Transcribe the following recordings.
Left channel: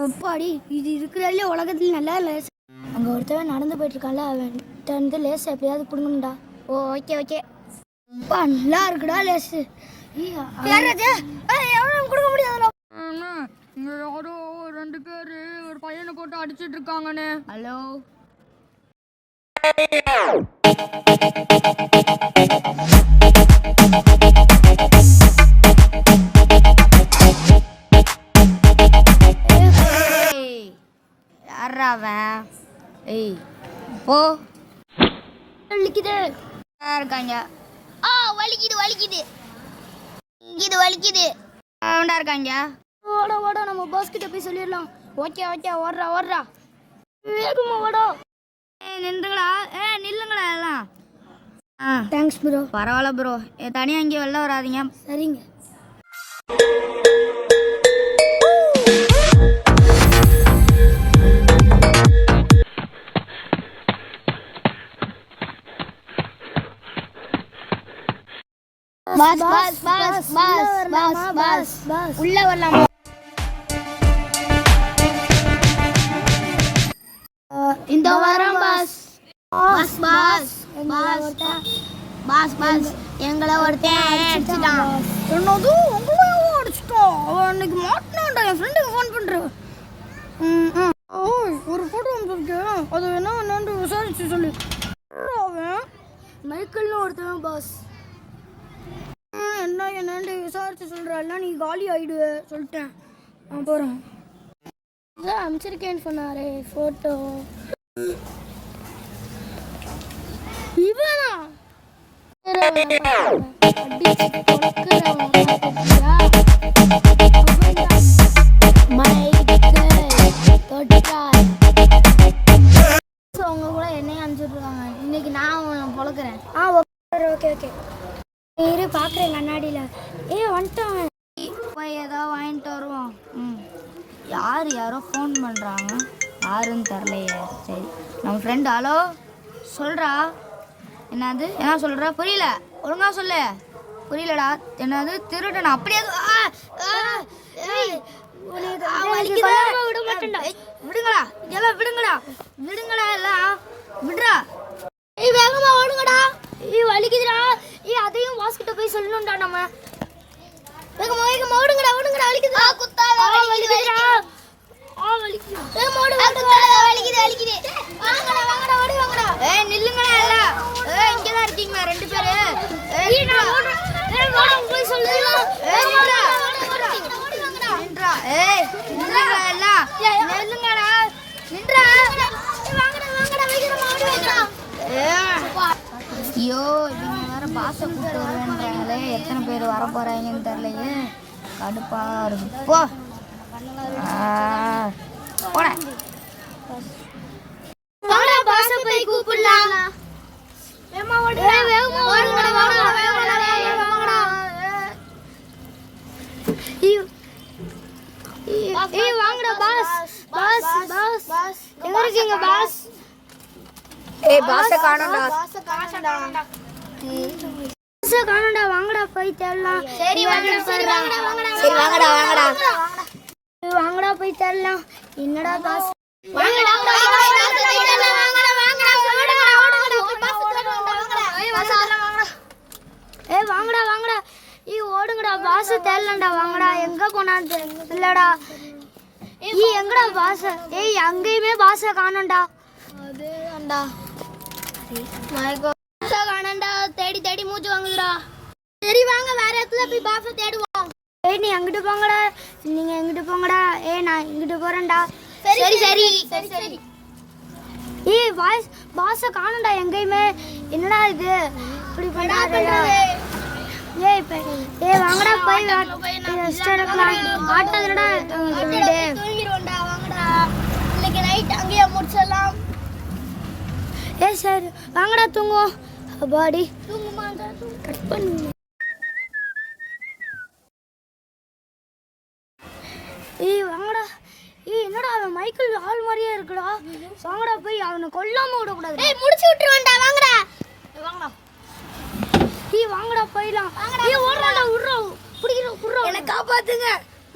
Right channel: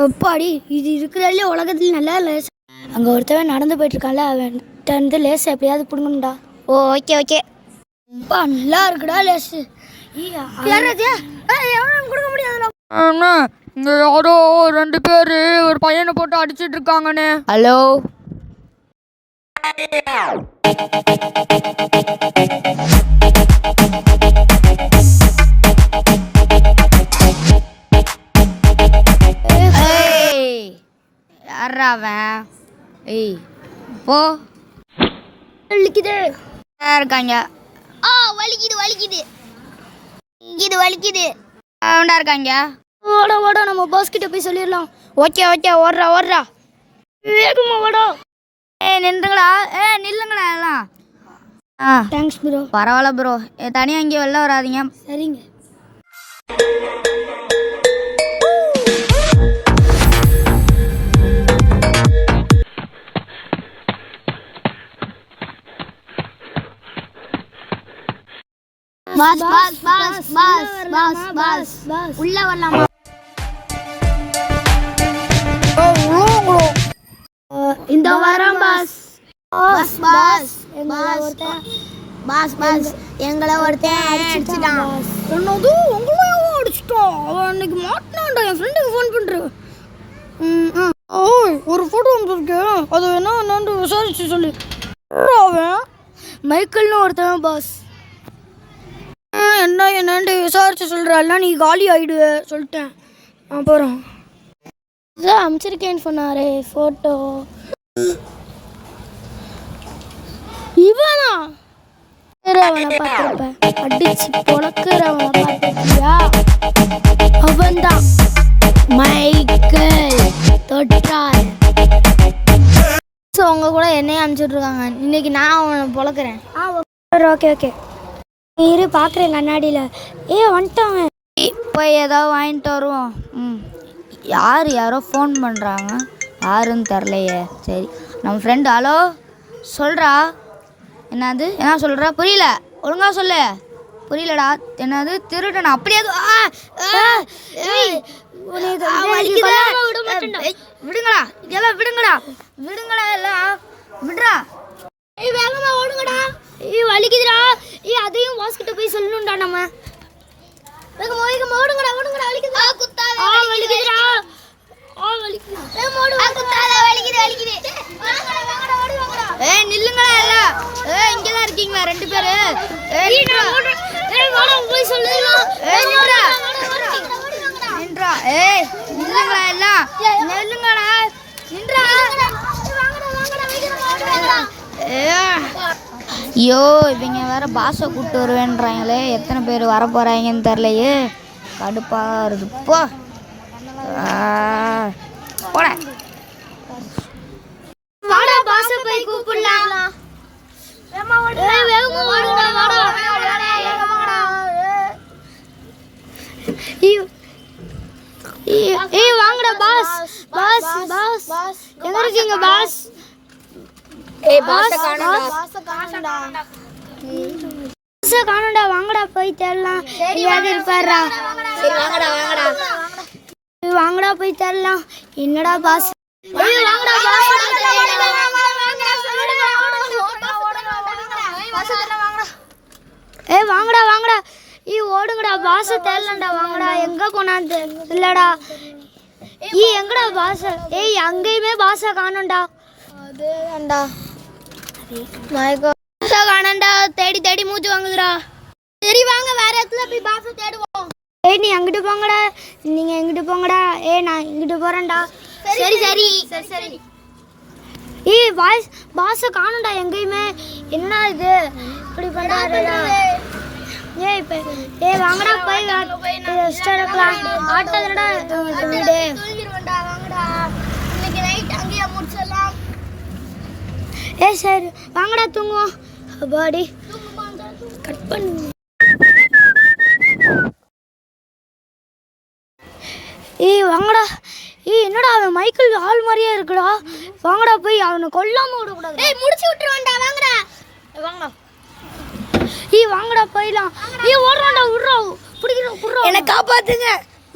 அப்பாடி இது இருக்கிறதுல உலகத்தில் நல்லா லேஸ். அங்கே ஒருத்தவன் நடந்து போயிட்டுருக்கான்ல, அவன்கிட்ட வந்து லேஸ் எப்படியாவது பிடுங்கணும்டா. ஓ ஓகே ஓகே. அப்பா நல்லா இருக்குடா லேஸு. கொடுக்க முடியாதுடா. இங்கே யாரோ 2 பேர் ஒரு பையனை போட்டு அடிச்சிட்டு இருக்காங்கண்ணே. ஹலோ யாரா அவன்? ஏய் போ. வலிக்குது இருக்காங்க. வலிக்குது வலிக்குது இது வலிக்குது. அவன்டா இருக்காங்க. ஓட ஓட நம்ம பாஸ் கிட்ட போய் சொல்லிடலாம். ஓகே ஓகே ஓடுறா ஓடுறா. வேகமா ஓடா. நின்றுங்களா? நில்லுங்களா எல்லாம். Thanks bro. பரவாயில்ல ப்ரோ, தனியாக இங்கே வெளில வராதிங்க. சரிங்க. Boss boss boss boss boss boss உள்ள வரலாமா? இந்த வாரம் boss. Boss boss boss boss எங்களை ஒருத்தன் அடிச்சிட்டான். என்னது உங்களையும் அடிச்சிட்டான்? அவன் அன்னைக்கு மாட்டினான்டா. என் ஃப்ரெண்டுக்கு ஃபோன் பண்ணுறேன். ஓய் ஒரு ஃபோட்டோ வந்துருக்கேன், அது என்னன்னு விசாரிச்சு சொல்லு. அவன் மைக்கேல்னு ஒருத்தவன் பாஸ். என்னன்னு விசாரிச்சு சொல்கிறாள்னா நீ காலி ஆகிடுவ சொல்லிட்டேன். அப்புறம் இதான் அமைச்சிருக்கேன்னு சொன்னாரே ஃபோட்டோ. இவனா அடிச்சு பொழக்கிறவன் அவன்தான் மைக்கேல் தொட்டால். ஸோ அவங்க கூட என்னையும் அனுப்பிச்சுட்ருக்காங்க. இன்னைக்கு நான் அவனை பொழக்கிறேன். ஓகே ஓகே இரு பார்க்குறேன் கண்ணாடியில். வந்துட்டாங்க. இப்போ ஏதாவது வாங்கிட்டு வருவோம். யாரோ ஃபோன் பண்ணுறாங்க, யாருன்னு தெரிலையே. சரி நம்ம ஃப்ரெண்டு. ஹலோ சொல்கிறா. என்னது என்ன சொல்கிறா? புரியல, ஒழுங்காக சொல்லு. புரியலடா. என்னது திருடனா? அப்படியே விடுங்களா இதெல்லாம் விடுங்களா விடுங்களா எல்லாம் விடுறா. வேகமா ஓடுங்கடா. வலிக்குதுடா. அதையும் வாஸ் கிட்ட போய் சொல்லணும்டா. நம்ம வேகமா வேகமா ஓடுங்கடா ஓடுங்கடா. வலிக்குதுடா. குத்தாத வலிக்குதுடா. வலிக்குது. வேகமா ஓடு. குத்தாத வலிக்குது வலிக்குது. வாங்கடா வாங்கடா ஓடுங்கடா. நில்லுங்கடா எல்லாம். இங்க தான் இருக்கீங்களா 2 பேரு? வாடா போய் சொல்லலாம். நில்லுங்கடா நின்றா. நில்லுங்கடா எல்லாம். நில்லுங்கடா நின்றா. வாங்கடா வாங்கடா வேகமா ஓடுங்கடா. ஐயோ இவங்க வேற பாஸை கூப்பிட்டு வருவேன்றாங்களே. எத்தனை பேர் வர போறாங்கன்னு தெரியலையே. கடுப்பாக இருக்கு. போ போட. வாடா பாஸை போய் கூப்பிடலாம். வேகமா ஓடு. வேகமா ஓடுங்கடா. வாடா வாங்கடா. வாங்கடா பாஸ். பாஸ் பாஸ் பாஸ் எங்க இருக்கீங்க பாஸ்? பாஸை காணோம்டா. பாஸை காணோம்டா. வாங்கடா போய் தேடலாம். இருப்பாருடா. சரி வாங்கடா வாங்கடா வாங்கடா போய் தேடலாம். என்னடா பாஸ்? வாங்கடா வாங்கடா. ஓடுங்கடா. பாஸை தேடலாம்டா. வாங்கடா. எங்க போனான்னு இல்லடா. எங்கடா பாஸ்? அங்கேயுமே பாஸை காணோம்டா. அதேடா காணண்டா. தேடி தேடி மூச்சு வாங்குதுடா. சரி வாங்க வேற இடத்துல போய் பாஸை தேடுவோம். நீ அங்கிட்டு போங்கடா. நீங்க எங்கிட்டு போங்கடா. நான் இங்கிட்டு போறேன்டா. சரி சரி சரி. பாஸை காணண்டா எங்கேயுமே. என்னடா இது இப்படி பண்றாருடா. வாங்கடா போய் ரெஸ்ட் எடுக்கலாம். ஆட்டாதடா வீடு. தூங்கிடுவோம்டா. வாங்கடா இன்னைக்கு நைட் அங்கேயே முடிச்சிடலாம். சரி வாங்கடா தூங்குவோம். அப்பாடி கட் பண்ணுங்க. வாங்கடா. என்னடா அவன் மைக்கேல் ஆள் மாதிரியே இருக்குடா. வாங்கடா போய் அவனை கொல்லாம விடக்கூடாது. முடிச்சு விட்டுருவான்டா. வாங்கடா வாங்க. வாங்கடா போயிடலாம். ஓடுறான்டா. விட்றா பிடிக்கிறோம். என்னை காப்பாத்துங்க.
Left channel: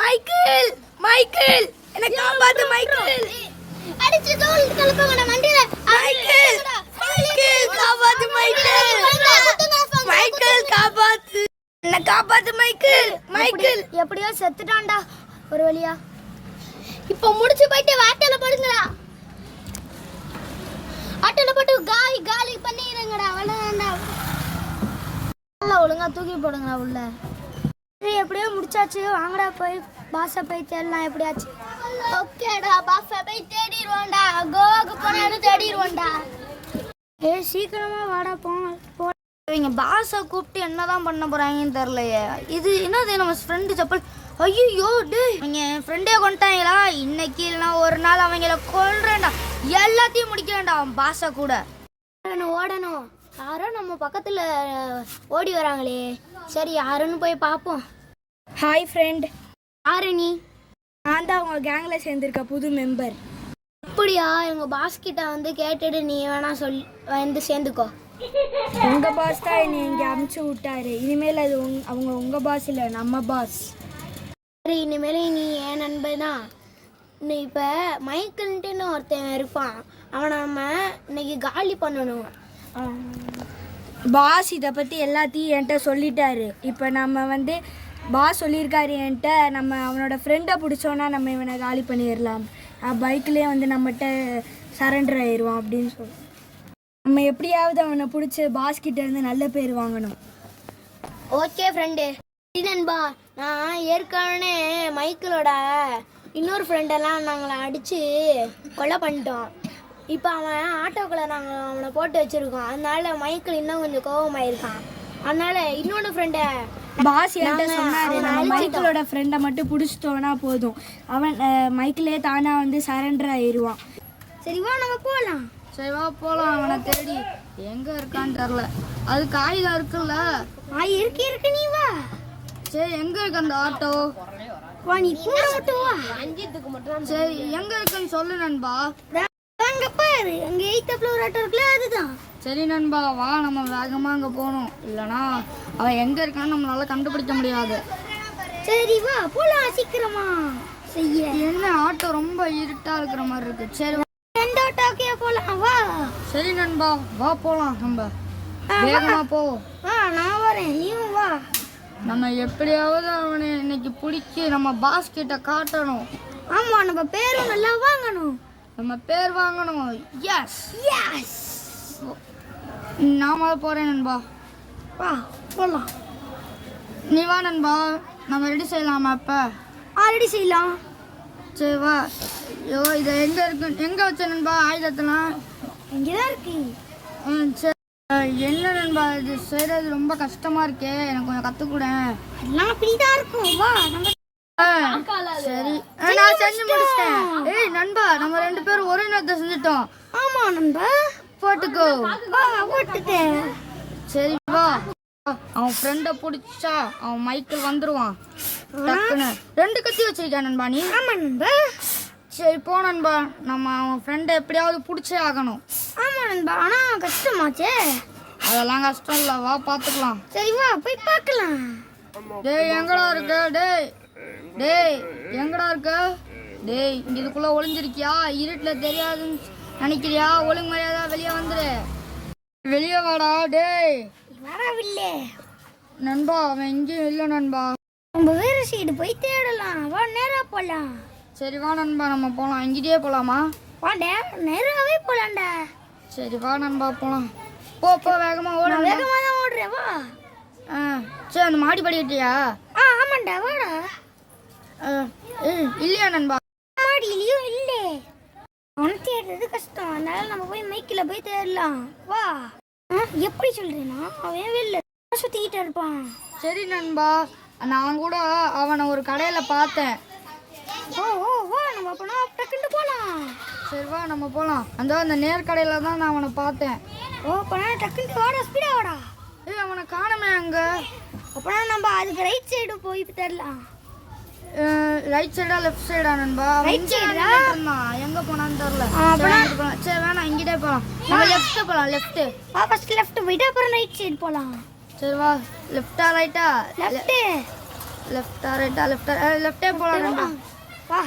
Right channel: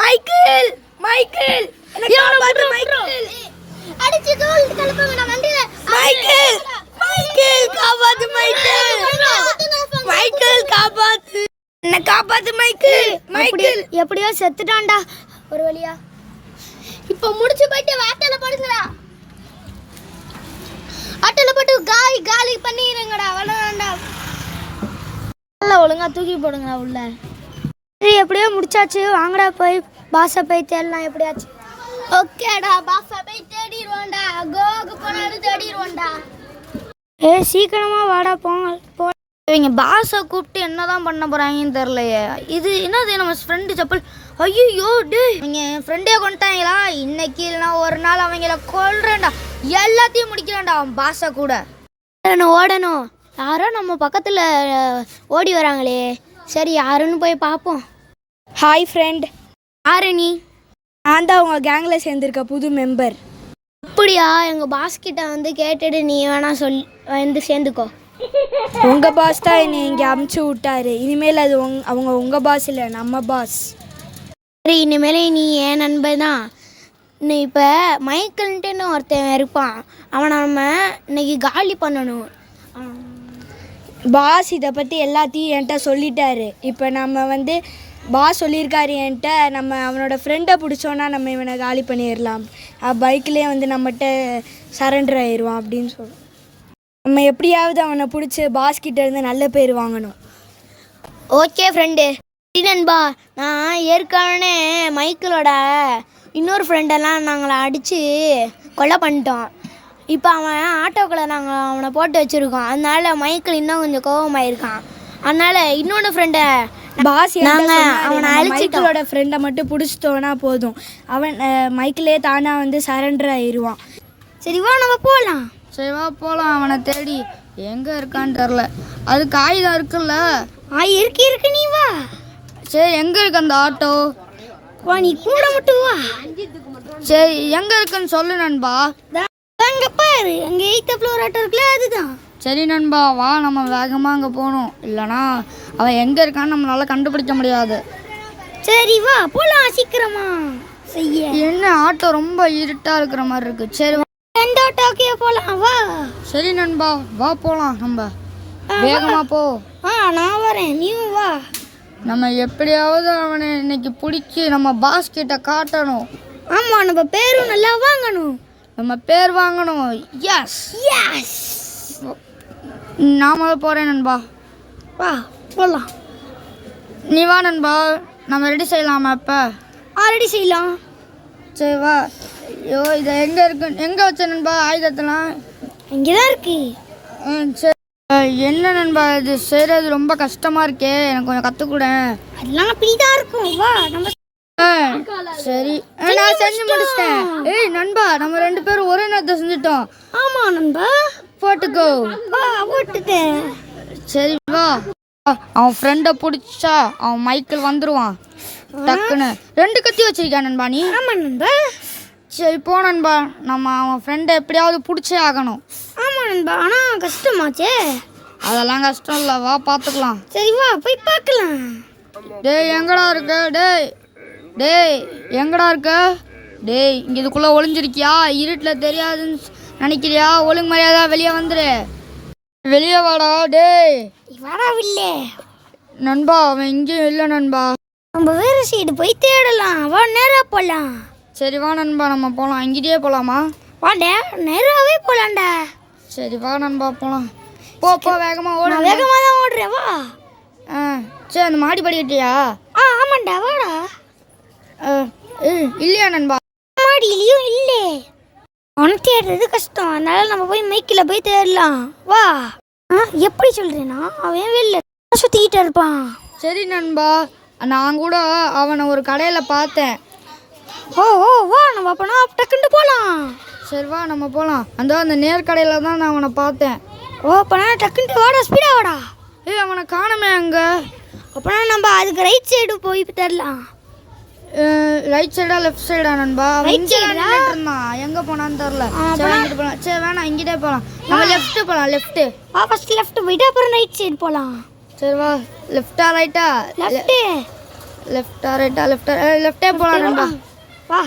மைக்கேல் மைக்கேல் என்ன காப்பாத்து மைக்கேல் அடிச்சு டோல் கலப்பாங்க நான் வண்டியில மைக்கேல் மைக்கேல் காப்பாத்து மைக்கேல் மைக்கேல் காப்பாத்து என்ன காப்பாத்து மைக்கேல் மைக்கேல் எப்படியோ செத்துட்டான்டா ஒரு வழியா இப்போ முடிச்சு போயிட்டு வாட்டல படுங்கடா வாட்டல போட்டு காலி காலி பண்ணிடுங்கடா அவ்வளவுதான்டா நல்லா ஒழுங்கா தூக்கி போடுங்கடா உள்ள சரி எப்படியோ முடிச்சாச்சு வாங்கடா போய் பாஸை போய் தேடலாம் எப்படியாச்சு ஓகேடா பாஸை போய் தேடிடுவோம்டா கோவாக்கு போனாலும் தேடிடுவோம்டா சீக்கிரமா வாடா போங்க இவங்க பாஸை கூப்பிட்டு என்னதான் பண்ண போறாங்கன்னு தெரியலையே இது என்னது நம்ம ஃப்ரெண்டு செப்பல் ஐயோ டே இவங்க என் ஃப்ரெண்டே கொண்டாங்களா இன்னைக்கு இல்லைனா ஒரு நாள் அவங்கள கொல்றேன்டா எல்லாத்தையும் முடிக்கிறேன்டா அவன் பாஸை கூட ஓடணும் யாரோ நம்ம பக்கத்துல ஓடி வராங்களே சரி யாருன்னு போய் பார்ப்போம் ஹாய் ஃப்ரெண்ட் யாரு நீ நான் தான் உங்கள் கேங்கில் சேர்ந்துருக்க புது மெம்பர் அப்படியா எங்க பாஸ் கிட்ட வந்து கேட்டுட்டு நீ வேணா வந்து சேர்ந்துக்கோ உங்கள் பாஸ் தான் என்னை இங்கே அமுச்சு விட்டாரு இனிமேல் அது அவங்க உங்கள் பாஸ் இல்லை நம்ம பாஸ் சரி இனிமேல் நீ என் நண்பன் தான் நீ இப்போ மைக்கேல்ன்ட்டுன்னு ஒருத்தன் இருப்பான் அவனை நம்ம இன்னைக்கு காலி பண்ணணும் பாஸ் இதை பற்றி எல்லாத்தையும் என்கிட்ட சொல்லிட்டாரு இப்போ நம்ம வந்து பாஸ் சொல்லியிருக்காரு என்கிட்ட நம்ம அவனோட ஃப்ரெண்டை பிடிச்சோன்னா நம்ம இவனை காலி பண்ணிடலாம் பைக்லேயே வந்து நம்மகிட்ட சரண்டர் ஆயிடுவான் அப்படின்னு சொல்லி நம்ம எப்படியாவது அவனை பிடிச்சி பாஸ் கிட்ட இருந்து நல்ல பேர் வாங்கணும் ஓகே ஃப்ரெண்டு நண்பா நான் ஏற்கனவே மைக்கேலோட இன்னொரு ஃப்ரெண்டெல்லாம் நாங்களை அடித்து கொலை பண்ணிட்டோம் இப்போ அவன் ஆட்டோக்குள்ளே நாங்கள் அவனை போட்டு வச்சுருக்கோம் அதனால மைக்கேல் இன்னும் கொஞ்சம் கோபமாயிருக்கான் அதனால இன்னொன்று ஃப்ரெண்டை பாஸ் அவனை மைக்கேலோட ஃப்ரெண்டை மட்டும் பிடிச்சிட்டோன்னா போதும் அவன் மைக்கிலே தானா வந்து சரண்டர் ஆயிடுவான் சரி வா நம்ம போகலாம் சரி வா போகலாம் அவனை தேடி எங்கே இருக்கான்னு தெரில அது காகிதம் இருக்குல்ல இருக்கு நீ வா சரி எங்கே இருக்கு அந்த ஆட்டோ வா நீ கூட மட்டும் வா சரி எங்கே இருக்குன்னு சொல்லு நண்பா அங்கே பாரு அங்கே 8th ஃப்ளோர் ஆட்டோ இருக்குல்ல அதுதான் சரி நண்பா வா நம்ம வேகமாக அங்கே போகணும் இல்லைனா அவன் எங்கே இருக்கான்னு நம்மளால கண்டுபிடிக்க முடியாது சரி வா போகலாம் சீக்கிரமா செய்ய என்ன ஆட்டோ ரொம்ப இருட்டாக இருக்கிற மாதிரி இருக்கு சரி வா. எந்த ஆட்டோக்கே போகலாம் வா சரி நண்பா வா போகலாம் நம்ம வேகமாக போ நான் வரேன் நீ வா நம்ம எப்படியாவது அவனை இன்னைக்கு பிடிச்சி நம்ம பாஸ் கிட்ட காட்டணும் ஆமாம் நம்ம பேரும் நல்லா வாங்கணும் நம்ம பேர் வாங்கணும் எஸ் எஸ் நாம போகிறேன் நண்பா வா போகலாம் நீ வா நண்பா நம்ம ரெடி செய்யலாமா இப்போ ஆல்ரெடி செய்யலாம் சரி வா ஐயோ இதை எங்கே இருக்கு எங்கே வச்ச நண்பா ஆயுதத்தெல்லாம் இங்கே தான் இருக்கு சரி என்ன நண்பா இது செய்கிறது ரொம்ப கஷ்டமாக இருக்கே எனக்கு கொஞ்சம் கற்றுக்கூட அதெல்லாம் அப்படிதான் இருக்கும் வா நம்ம சரி நான் செஞ்சு முடிச்சிட்டேன் ஏய் நண்பா நம்ம 2 பேரும் ஒரே நேரத்தை செஞ்சுட்டோம் ஆமா நண்பா போட்டுக்கோ வா போட்டுட்டேன் சரி வா அவன் ஃப்ரெண்டை பிடிச்சா அவன் மைக்கேல் வந்துடுவான் டக்குன்னு 2 கத்தி வச்சிருக்கான் நண்பா நீ ஆமா நண்பா சரி போ நண்பா நம்ம அவன் ஃப்ரெண்டை எப்படியாவது பிடிச்சே ஆகணும் ஆமா நண்பா ஆனா கஷ்டமாச்சே அதெல்லாம் கஷ்டம் இல்லை வா பார்த்துக்கலாம் சரி வா போய் பார்க்கலாம் டேய் எங்கடா இருக்க டேய் டேய் எங்கடா இருக்க டேய் இங்கே இதுக்குள்ளே ஒளிஞ்சிருக்கியா இருட்டில் தெரியாதுன்னு நினைக்கிறியா ஒழுங்கு மரியாதை வெளியே வந்துடு வெளியே வாடா டேய் வரவில்லை நண்பா அவன் இங்கேயும் இல்லை நண்பா நம்ம வேற சைடு போய் தேடலாம் வா நேரா போலாம் சரி வா நண்பா நம்ம போகலாம் இங்கேயே போகலாமா வாடா நேராவே போலாம்டா சரி வா நண்பா போகலாம் போ வேகமாக ஓடு வேகமா தான் ஓடுறேன் வா சரி அந்த மாடி படிக்கட்டியா ஆமாண்டா வாடா இல்லையா நண்பா மாடியிலையும் இல்லை அவனை தேடுறது கஷ்டம் அதனால நம்ம போய் மைக்கில் போய் தேடலாம் வா எப்படி சொல்றேன்னா அவன் வெளில சுத்திக்கிட்டு இருப்பான் சரி நண்பா நான் கூட அவனை ஒரு கடையில் பார்த்தேன் ஓ வா நம்ம அப்பனா டக்குன்னு போகலாம் சரி வா நம்ம போகலாம் அந்த நேர்கடையில் தான் நான் அவனை பார்த்தேன் ஓ அப்பனா டக்குன்னு வாடா ஸ்பீடாக வாடா ஏய் அவனை காணுமே அங்கே அப்பனா நம்ம அதுக்கு ரைட் சைடு போய் தேடலாம் ரைட் சைடா லெஃப்ட் சைடா நண்பா ரைட் சைடா எங்கே போனான்னு தெரில சரி வேணாம் இங்கிட்டே போகலாம் நம்ம லெஃப்ட் போகலாம் லெஃப்ட்டு வா ஃபர்ஸ்ட் லெஃப்ட் போயிட்டு அப்புறம் ரைட் சைடு போகலாம் சரி வா லெஃப்டா ரைட்டா லெஃப்ட் லெஃப்டா ரைட்டா லெஃப்டே போகலாம் நண்பா வா.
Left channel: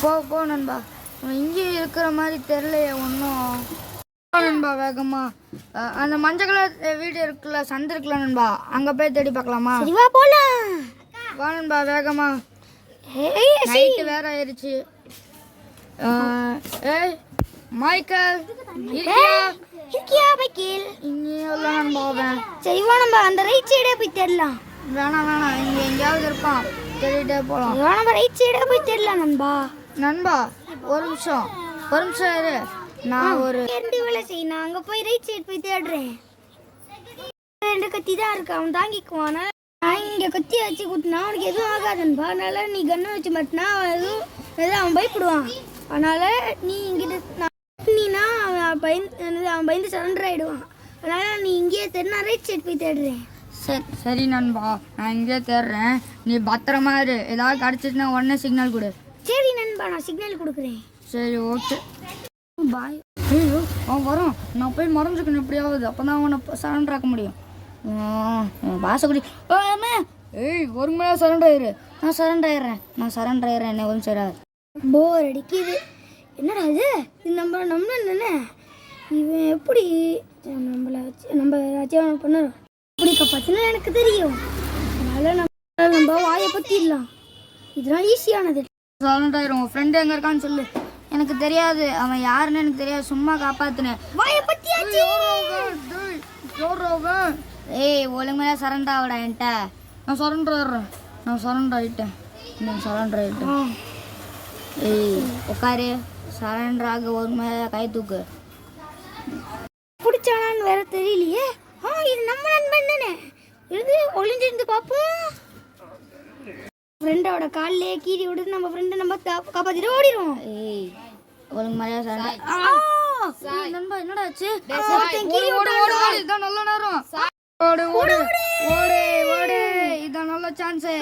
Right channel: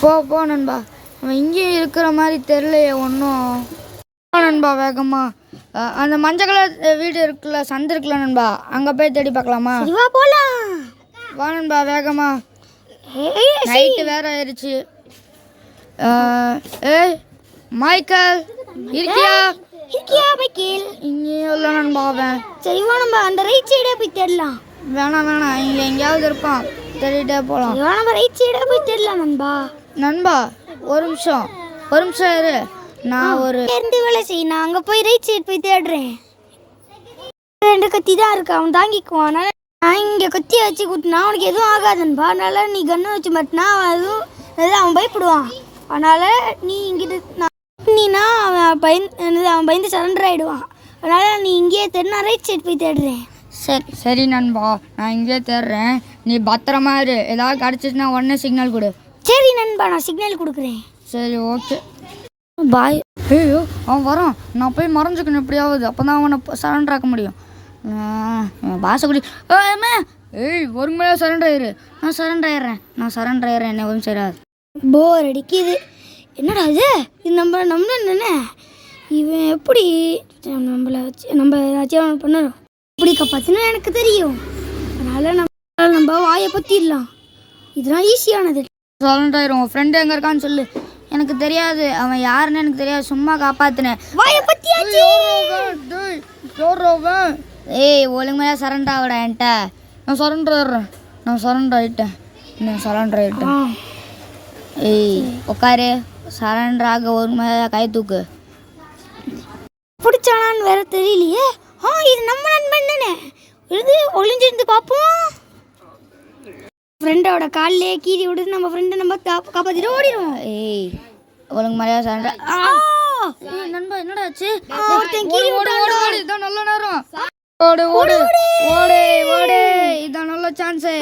போ நண்பா. அவன் இங்கேயும் இருக்கிற மாதிரி தெரியலையே ஒன்றும். நண்பா வேகமா அந்த மஞ்சள் கலர் வீடு இருக்குல்ல, சந்து இருக்குல்ல நண்பா, அங்கே போய் தேடி பார்க்கலாமா? சரி வா போலாம். வா நண்பா வேகமா. ஏய் நைட்டு வேற ஆயிடுச்சு. ஏய் மைக்கேல் இருக்கியா பைக்கில்? இங்கே இல்லை நண்பா அவன். சரி வா நம்ம அந்த ரைட் சைடே போய் தேடலாம். வேணாம் இங்கே எங்கேயாவது இருப்பான், தேடிட்டே போகலாம். வா நம்ம ரைட் சைடே போய் தேடலாம் நண்பா. நண்பா ஒரு நிமிஷம் இரு. நான் ஒரு இருந்து வேலை செய், நான் அங்கே போய் ரைட் சைடு போய் தேடுறேன். 2 கத்தி தான் இருக்கு, அவன் தாங்கிக்குவான். அதனால நான் இங்கே கத்தியை வச்சு கூட்டினா அவனுக்கு எதுவும் ஆகாதுன்பா. அதனால நீ கண்ணை வச்சு மாட்டினா அதுவும் நல்லா அவன் பயப்படுவான். அதனால நீ இங்கிட்ட நீனா அவன் பயந்து சரண்டர் ஆகிடுவான். அதனால நீ இங்கேயே தேடு, நான் ரைட் சைடு போய் தேடுறேன். சரி நண்பா, நான் இங்கே தேடுறேன். நீ பத்திரமா இரு. ஏதாவது கிடச்சிச்சுன்னா உடனே சிக்னல் கொடு. சரி நண்பா, நான் சிக்னல் கொடுக்குறேன். சரி ஓகே பாய். ஐயோ அவன் வரான், நான் போய் மறைஞ்சுக்கணும் எப்படியாவது, அப்போ தான் அவனை சரண்டர் ஆக்க முடியும். பாசக்குடி ஏய் ஒரு மேலே சரண்டர் ஆயிரு. நான் சரண்டர் ஆயிடுறேன் என்ன ஒன்றும் சரியாது. போர் அடிக்குது. என்னடா இது நம்ம என்ன இவன் எப்படி நம்ம ஏதாச்சும் பண்ணணும் இப்படி காப்பாற்றினா எனக்கு தெரியும். அதனால நம்ம வாயை பற்றிடலாம். இதெல்லாம் ஈஸியானது. சரண்டர் ஆயிரும். உன் ஃப்ரெண்டு எங்கே இருக்கான்னு சொல்லு. எனக்கு தெரியாது, அவன் யாருன்னு எனக்கு தெரியாது, சும்மா காப்பாற்றினேன். வாயை பற்றியாச்சு. ஏய் ஒழுங்கையாக சரண்டர் ஆகிட என்கிட்ட. நான் சரண்டர் ஆகிட்டேன். ஏய் உட்காரு. சரண்டர் ஆக ஒழுங்கையாக கை தூக்கு. பிடிச்சானான்னு வேற தெரியலையே. இது நம்ம நண்பன் தானே. இது ஒளிஞ்சிருந்து பார்ப்போம். ஃப்ரெண்டோட காலிலே கீறி விடுது. நம்ம ஃப்ரெண்டை நம்ம காப்பாற்றிட்டு ஓடிடும். ஏய் ஒழுங்கு மாதிரியா சரண்டர். நண்பா என்னடா ஆச்சு? இதான் நல்ல நேரம். ஓடு இதான் நல்ல சான்ஸு.